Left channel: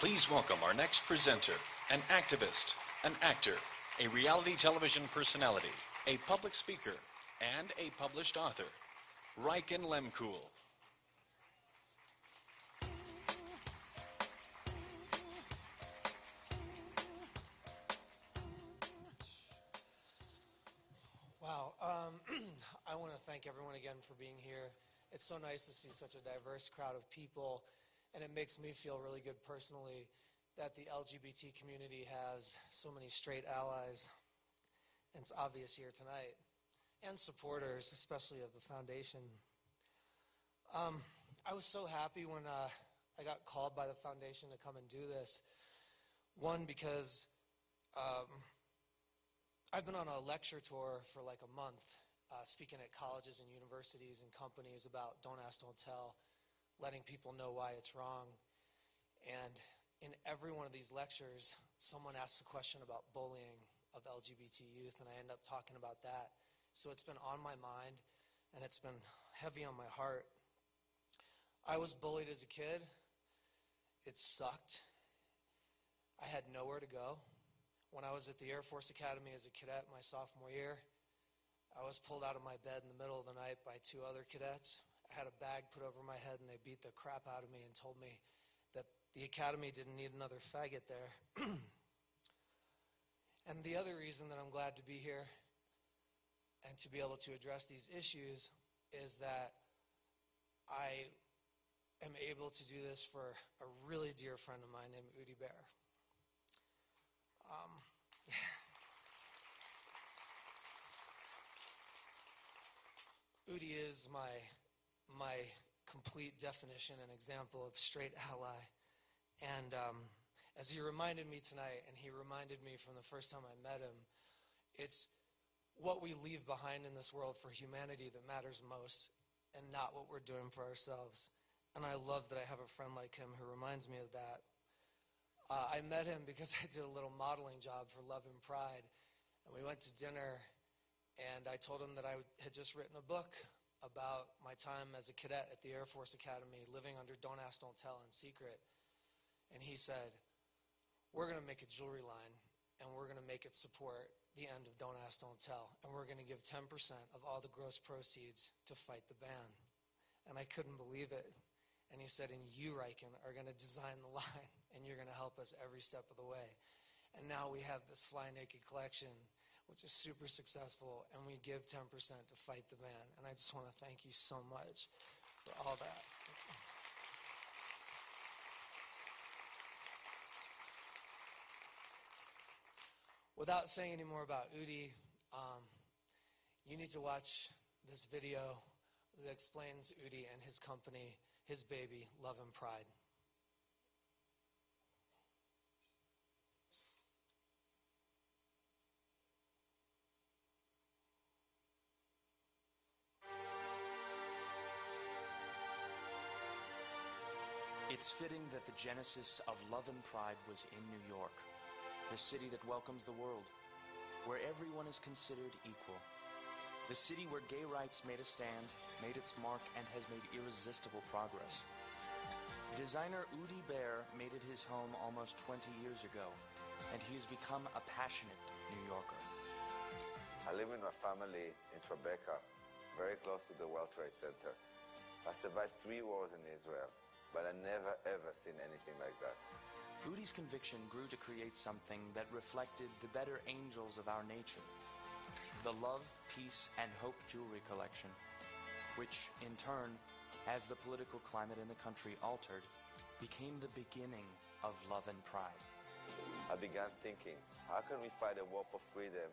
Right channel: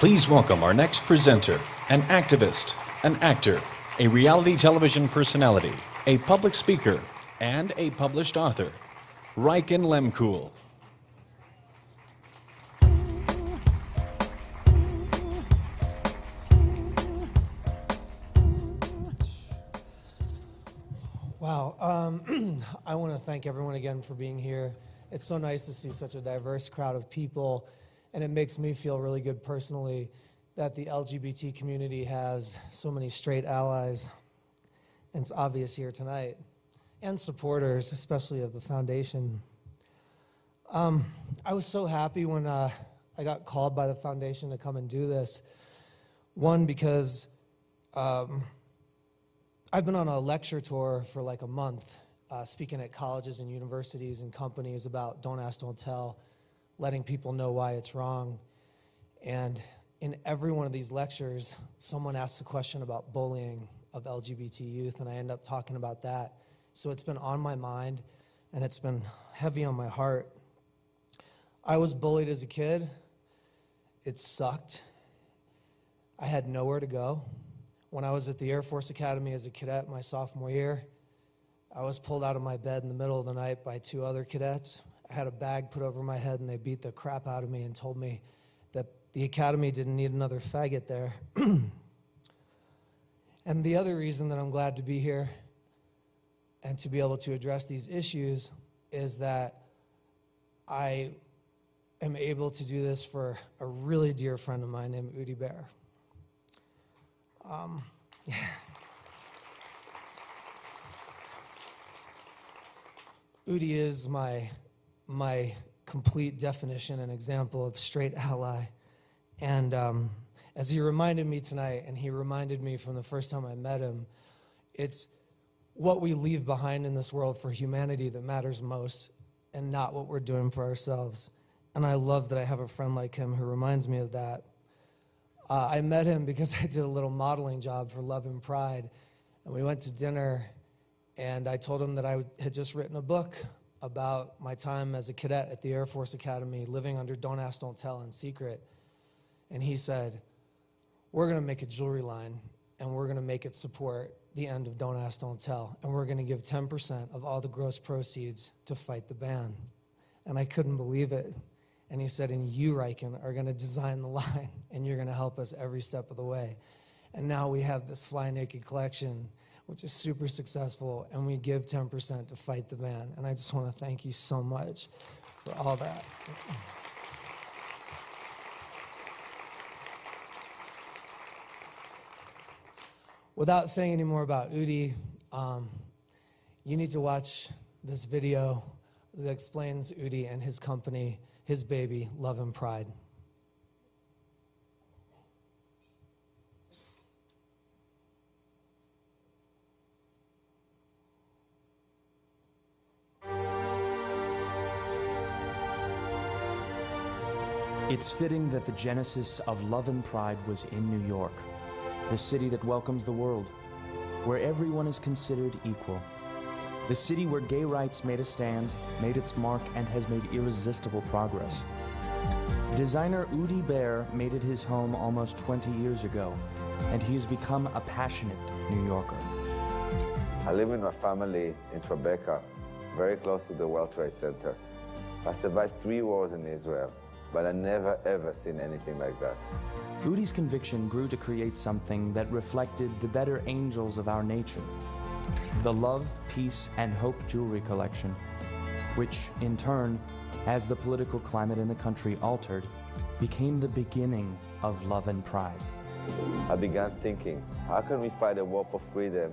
Please welcome our next presenter, an activist, an actor, a reality television personality, a public speaker, and a published author, Reichen Lemkool. Wow. I want to thank everyone again for being here. It's so nice to see such a diverse crowd of people, and it makes me feel really good personally that the LGBT community has so many straight allies, and it's obvious here tonight, and supporters, especially of the foundation. I was so happy when I got called by the foundation to come and do this. One, because I've been on a lecture tour for like a month, speaking at colleges and universities and companies about Don't Ask, Don't Tell, letting people know why it's wrong. And in every one of these lectures, someone asks a question about bullying of LGBT youth, and I end up talking about that. So it's been on my mind, and it's been heavy on my heart. I was bullied as a kid. It sucked. I had nowhere to go. When I was at the Air Force Academy as a cadet my sophomore year, I was pulled out of my bed in the middle of the night by two other cadets. I had a bag put over my head, and they beat the crap out of me and told me that the academy didn't need another faggot there. And the other reason that I'm glad to be here and to be able to address these issues is that I am able to do this for a really dear friend of mine named Udi Behr. Udi is my complete definition and example of straight ally. And as he reminded me tonight, and he reminded me from the first time I met him, it's what we leave behind in this world for humanity that matters most, and not what we're doing for ourselves. And I love that I have a friend like him who reminds me of that. I met him because I did a little modeling job for Love and Pride, and we went to dinner, and I told him that I had just written a book about my time as a cadet at the Air Force Academy, living under Don't Ask, Don't Tell in secret. And he said, we're going to make a jewelry line, and we're going to make it support the end of Don't Ask, Don't Tell, and we're going to give 10% of all the gross proceeds to fight the ban. And I couldn't believe it. And he said, and you, Reichen, are going to design the line, and you're going to help us every step of the way. And now we have this Fly Naked collection, which is super successful, and we give 10% to fight the ban. And I just want to thank you so much for all that. Without saying any more about Udi, you need to watch this video that explains Udi and his company, his baby, Love and Pride. It's fitting that the genesis of Love and Pride was in New York, the city that welcomes the world, where everyone is considered equal. The city where gay rights made a stand, made its mark, and has made irresistible progress. Designer Udi Behr made it his home almost 20 years ago, and he has become a passionate New Yorker. I live with my family in Tribeca, very close to the World Trade Center. I survived 3 wars in Israel, but I never ever seen anything like that. Udi's conviction grew to create something that reflected the better angels of our nature. The Love, Peace, and Hope jewelry collection, which in turn, as the political climate in the country altered, became the beginning of Love and Pride. I began thinking, how can we fight a war for freedom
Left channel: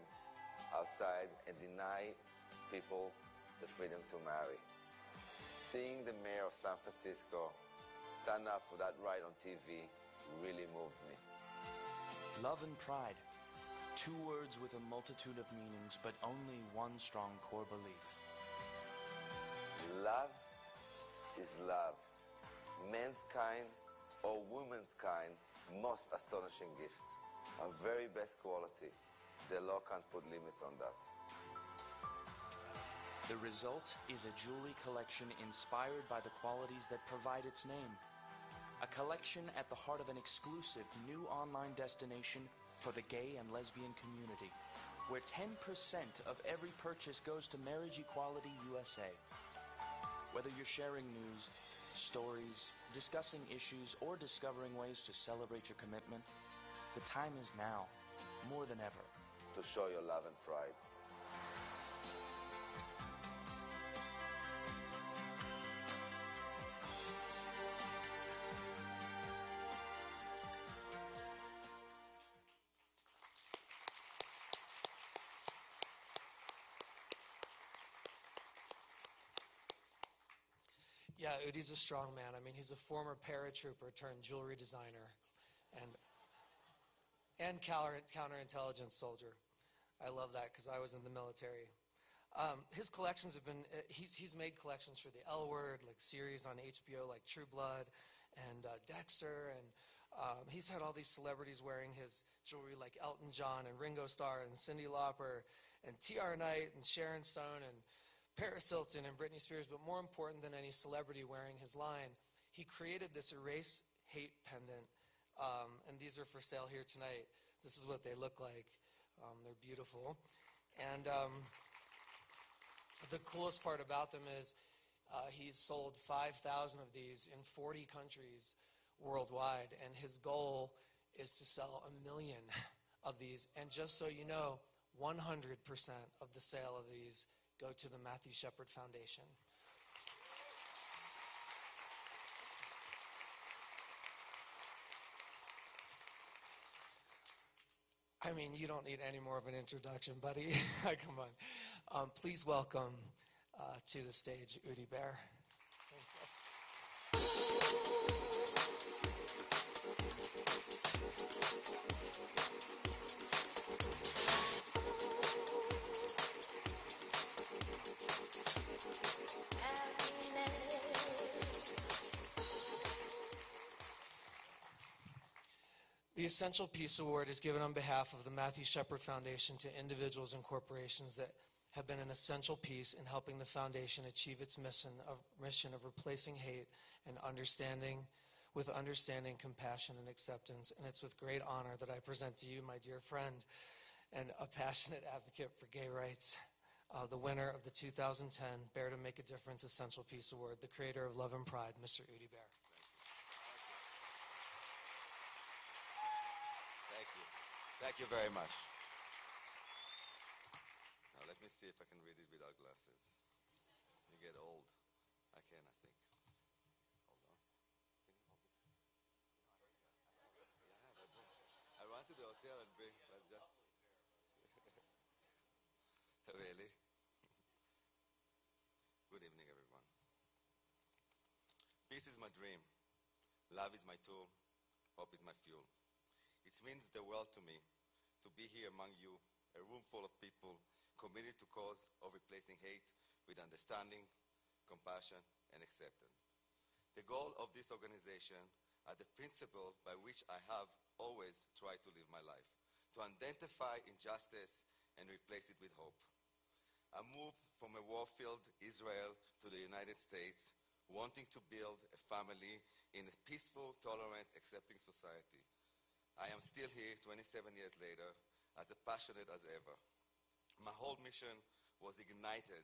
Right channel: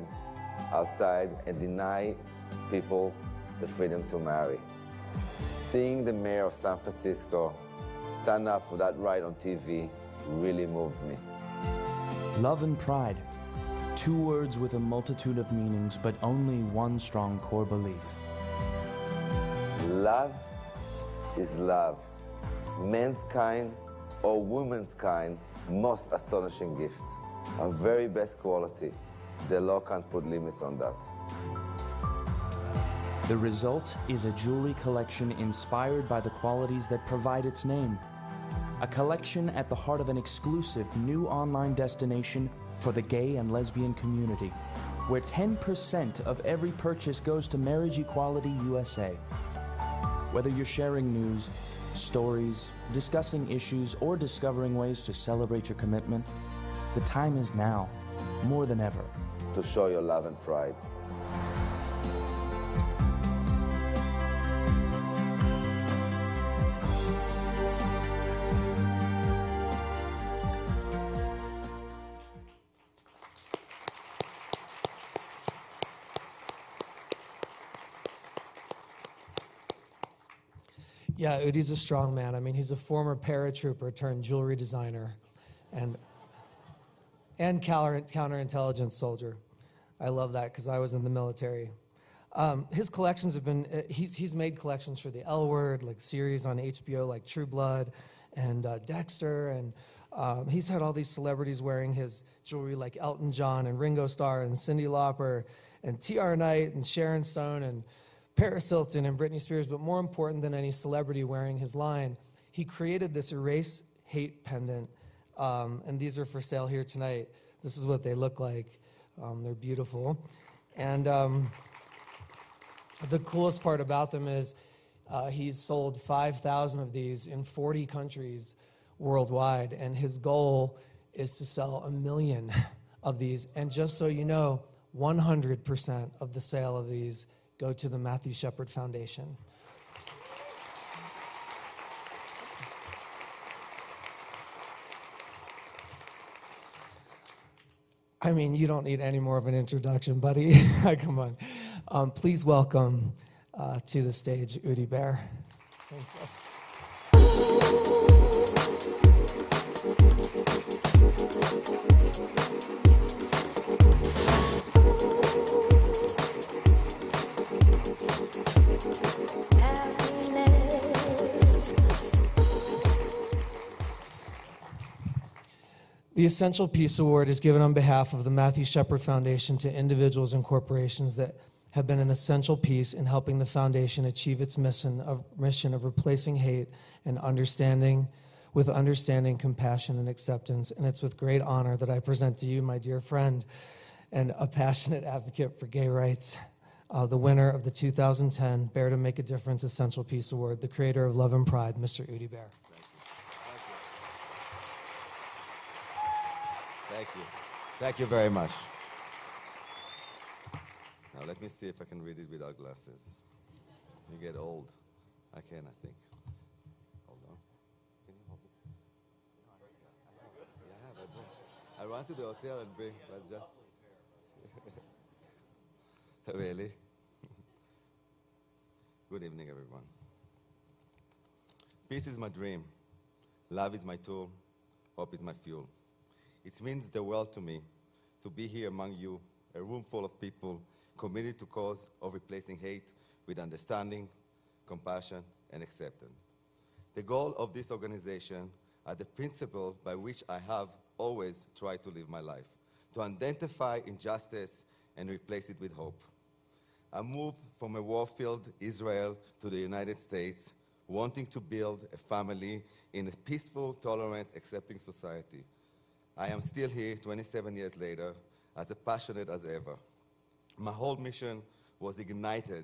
outside and deny people the freedom to marry? Seeing the mayor of San Francisco stand up for that right on TV really moved me. Love and Pride. 2 words with a multitude of meanings, but only one strong core belief. Love is love. Men's kind or women's kind, most astonishing gift. Our very best quality. The law can't put limits on that. The result is a jewelry collection inspired by the qualities that provide its name. a collection at the heart of an exclusive new online destination for the gay and lesbian community, where 10% of every purchase goes to Marriage Equality USA. Whether you're sharing news, stories, discussing issues, or discovering ways to celebrate your commitment, the time is now, more than ever, to show your love and pride. Yeah, Udi's a strong man. I mean, he's a former paratrooper turned jewelry designer and counterintelligence soldier. I love that because I was in the military. His collections have been, he's made collections for the L Word, like series on HBO like True Blood and Dexter, and he's had all these celebrities wearing his jewelry like Elton John and Ringo Starr and Cyndi Lauper and T.R. Knight and Sharon Stone and Paris Hilton and Britney Spears, but more important than any celebrity wearing his line, he created this Erase Hate pendant, and these are for sale here tonight. This is what they look like. They're beautiful. And the coolest part about them is he's sold 5,000 of these in 40 countries worldwide, and his goal is to sell 1 million of these. And just so you know, 100% of the sale of these go to the Matthew Shepard Foundation. I mean, you don't need any more of an introduction, buddy. Come on. Please welcome to the stage Udi Behr. Thank you. The Essential Peace Award is given on behalf of the Matthew Shepard Foundation to individuals and corporations that have been an essential piece in helping the foundation achieve its mission of replacing hate and understanding, compassion, and acceptance. And it's with great honor that I present to you, my dear friend and a passionate advocate for gay rights, the winner of the 2010 Behr to Make a Difference Essential Peace Award, the creator of Love and Pride, Mr. Udi Behr. Thank you very much. Now let me see if I can read it without glasses. You get old. I can, I think. Hold on. Can you hold it? Yeah, but I run to the hotel and bring, but just... Really? Good evening, everyone. Peace is my dream. Love is my tool. Hope is my fuel. It means the world to me to be here among you, a room full of people committed to cause of replacing hate with understanding, compassion, and acceptance. The goal of this organization are the principle by which I have always tried to live my life, to identify injustice and replace it with hope. I moved from a war-filled Israel to the United States, wanting to build a family in a peaceful, tolerant, accepting society. I am still here 27 years later, as passionate as ever. My whole mission was ignited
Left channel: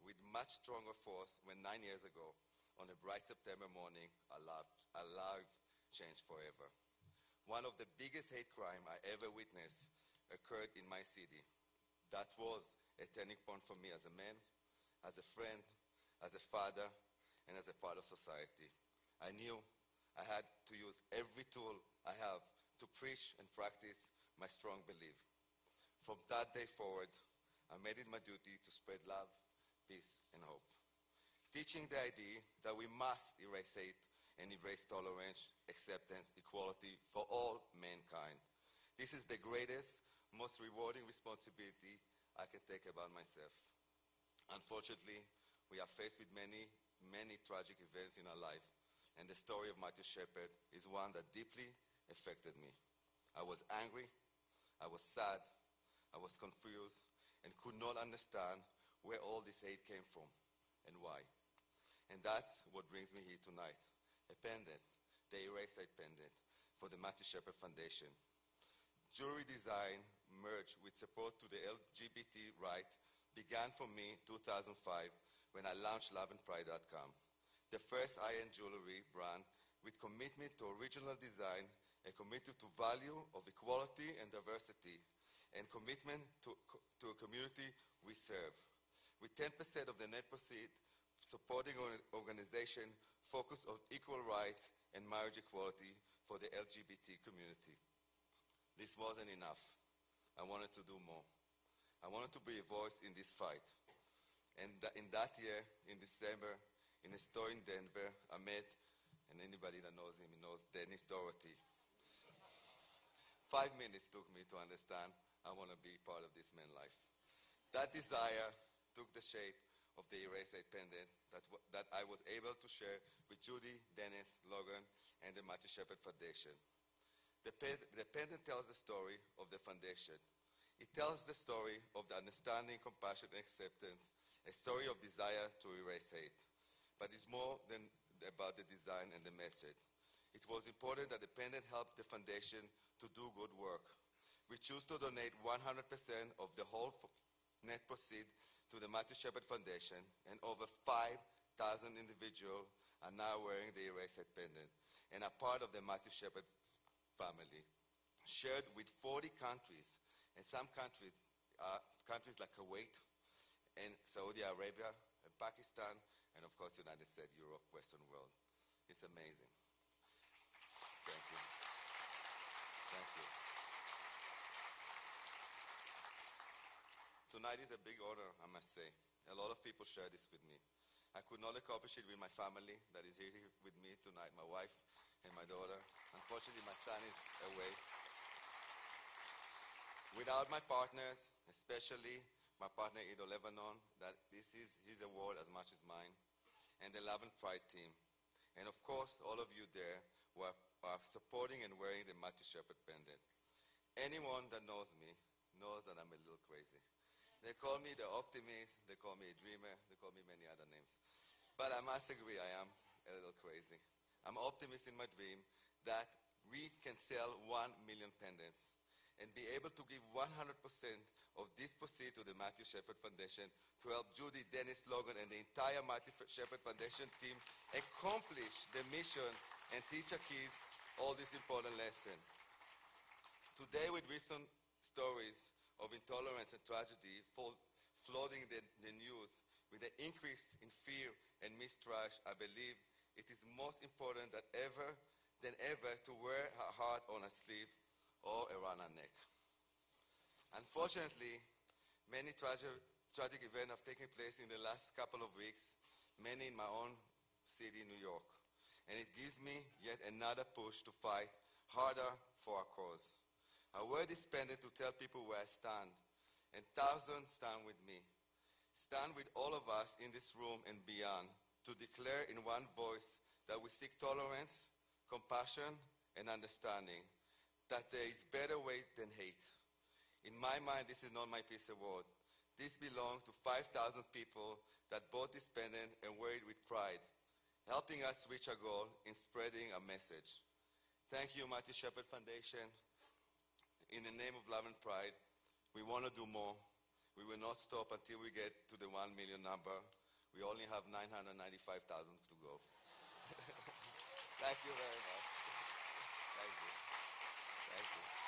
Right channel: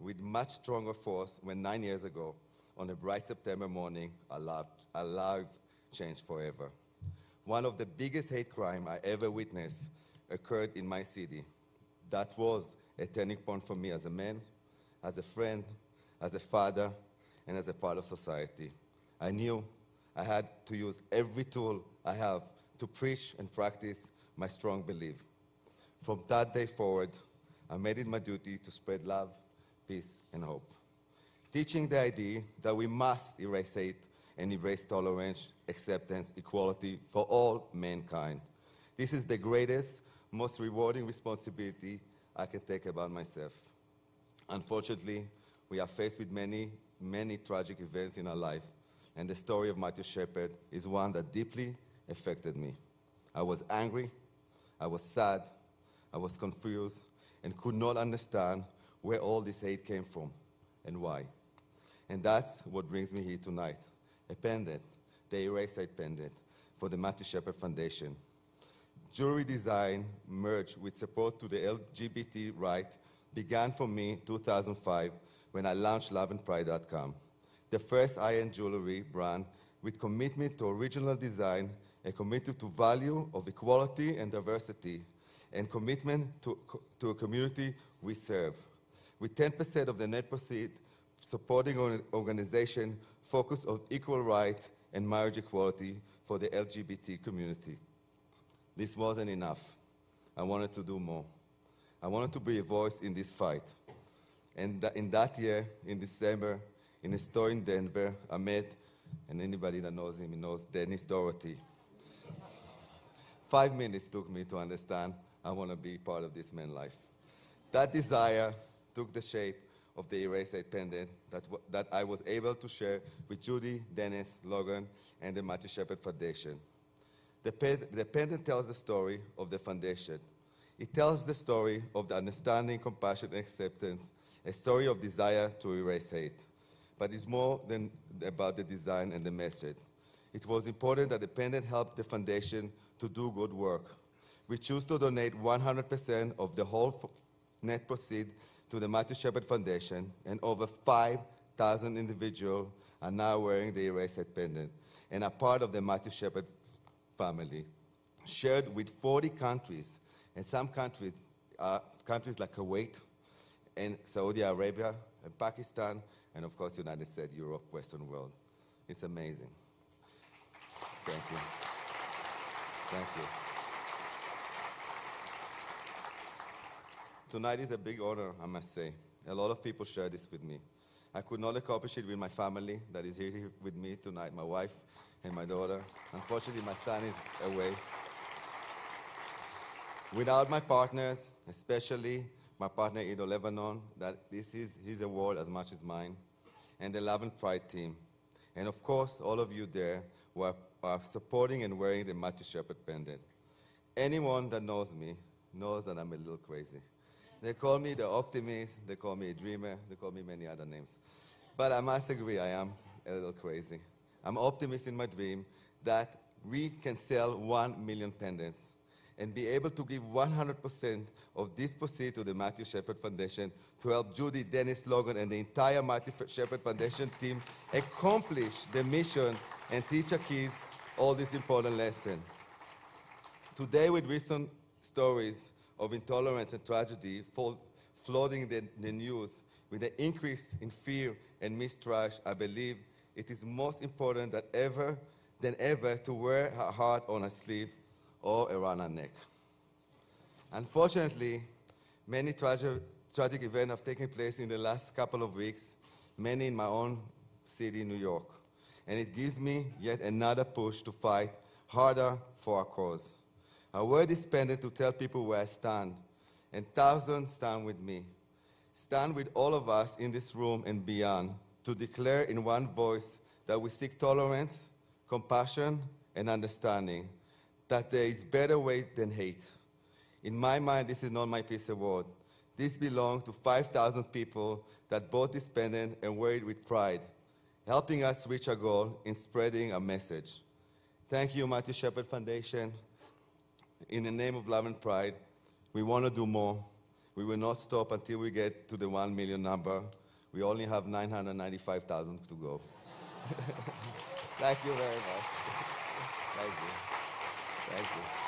with much stronger force when 9 years ago, on a bright September morning, our life changed forever. One of the biggest hate crimes I ever witnessed occurred in my city. That was a turning point for me as a man, as a friend, as a father, and as a part of society. I knew I had to use every tool I have to preach and practice my strong belief. From that day forward, I made it my duty to spread love, peace, and hope. Teaching the idea that we must erase hate and embrace tolerance, acceptance, equality for all mankind. This is the greatest, most rewarding responsibility I can take about myself. Unfortunately, we are faced with many, many tragic events in our life, and the story of Matthew Shepard is one that deeply affected me. I was angry, I was sad, I was confused, and could not understand where all this hate came from and why. And that's what brings me here tonight, a pendant the Erase It pendant for the Matthew Shepard Foundation. Jewelry design merged with support to the LGBT right began for me in 2005 when I launched loveandpride.com, the first high-end jewelry brand with commitment to original design, a commitment to value of equality and diversity, and commitment to a community we serve. With 10% of the net proceeds supporting an organization focused on equal rights and marriage equality for the LGBT community. This wasn't enough. I wanted to do more. I wanted to be a voice in this fight. And in that year, in December, in a store in Denver, I met, and anybody that knows him knows Dennis Doherty. 5 minutes took me to understand I want to be part of this man's life. That desire took the shape of the Erase It pendant that I was able to share with Judy, Dennis, Logan, and the Matthew Shepard Foundation. The pendant tells the story of the foundation. It tells the story of the understanding, compassion, and acceptance, a story of desire to erase hate. But it's more than about the design and the message. It was important that the pendant helped the foundation to do good work. We choose to donate 100% of the whole net proceeds to the Matthew Shepard Foundation, and over 5,000 individuals are now wearing the Erase It pendant and are part of the Matthew Shepard family, shared with 40 countries, and some countries like Kuwait and Saudi Arabia and Pakistan, and of course, United States, Europe, Western world. It's amazing. Thank you. Thank you. Tonight is a big honor, I must say. A lot of people share this with me. I could not accomplish it with my family that is here with me tonight, my wife and my daughter. Unfortunately, my son is away. Without my partners, especially my partner Ido Lebanon, that this is his award as much as mine, and the Love and Pride team. And of course, all of you there who are supporting and wearing the Matthew Shepard pendant. Anyone that knows me knows that I'm a little crazy. They call me the optimist, they call me a dreamer, they call me many other names. But I must agree, I am a little crazy. I'm optimist in my dream that we can sell 1 million pendants and be able to give 100% of this proceeds to the Matthew Shepard Foundation to help Judy, Dennis, Logan, and the entire Matthew Shepard Foundation team accomplish the mission and teach our kids all this important lesson. Today, with recent stories of intolerance and tragedy flooding the news, with the increase in fear and mistrust, I believe it is most important than ever to wear our heart on our sleeve or around our neck. Unfortunately, many tragic events have taken place in the last couple of weeks, many in my own city, New York. And it gives me yet another push to fight harder for our cause. I wear this pendant to tell people where I stand, and thousands stand with me. Stand with all of us in this room and beyond to declare in one voice that we seek tolerance, compassion, and understanding, that there is better way than hate. In my mind, this is not my peace award. This belongs to 5,000 people that bought this pendant and wear it with pride, helping us reach our goal in spreading our message. Thank you, Matthew Shepard Foundation. In the name of Love and Pride, we want to do more. We will not stop until we get to the 1 million number. We only have 995,000 to go. Thank you very much. Thank you. Thank you.